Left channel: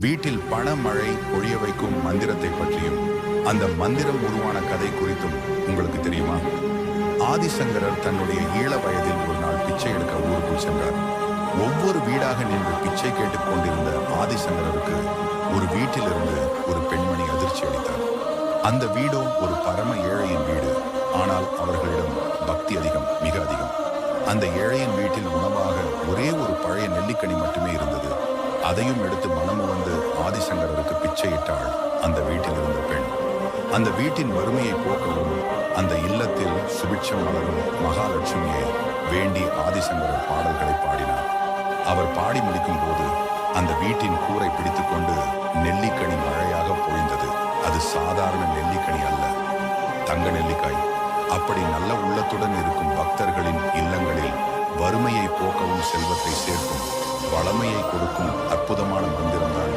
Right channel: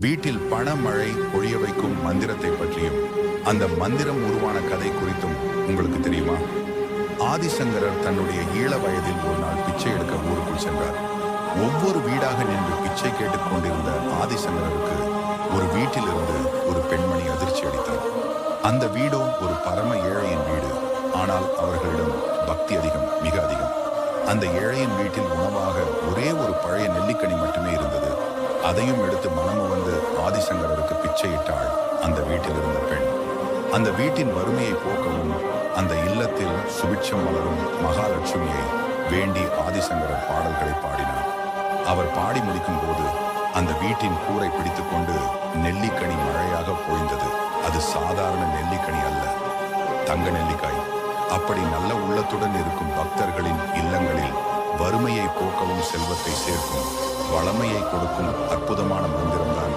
வீட்டில் பண மழை பொழிய வைக்கும் மந்திரத்தை பற்றியும் அந்த மந்திரம் உருவான கதை குறித்தும் உங்களுக்கு தெரியுமா? ஆதிசங்கரர் தன்னுடைய ஈழ வயதில் ஒரு நாள் பிச்சை எடுக்க ஊருக்குள் சென்றார். ஒவ்வொரு வீடாக நின்று பிச்சை கேட்டுக் கொண்டிருந்த ஆதிசங்கரருக்கு ஒரு வீட்டிலிருந்து ஒரு பெண்மணி அதிர்ச்சி அளித்தார். அந்த வீடோ ஒரு பரம ஏழையின் வீடு ஆனால் அவர்களிடம் பக்தி அதிகம் மிக அதிகம். அந்த ஏழையின் வீட்டில் உணவாக ஒரே ஒரு பழைய நெல்லிக்கனி மட்டுமே இருந்தது. அதையும் எடுத்து மனமு வந்து ஆதிசங்கரருக்கு பிச்சையிட்டாள் அந்த வீட்டில் இருந்த பெண். அந்த வீட்டின் வறுமையை போக்கவும் அந்த இல்லத்தில் சுபிட்சம் மலரும் மகாலட்சுமியை வேண்டி ஆதிசங்கரர் பாடல்களை பாடினார். அவர் பாடி முடிக்கும் போது அந்த வீட்டின் கூரை பிடித்துக்கொண்டு நெல்லிக்கனி மழையாக பொழிந்தது. அது சாதாரண நெல்லிக்கனி அல்ல. தங்க நெல்லிக்காய். அப்படி நல்ல உள்ளத்துடன் இருக்கும் பக்தர்களின் இல்லங்களில் வறுமையை போக்கவும் செல்வத்தை சேர்க்கும் வளமையை கொடுக்கும் அற்புதமான மந்திரம்தான்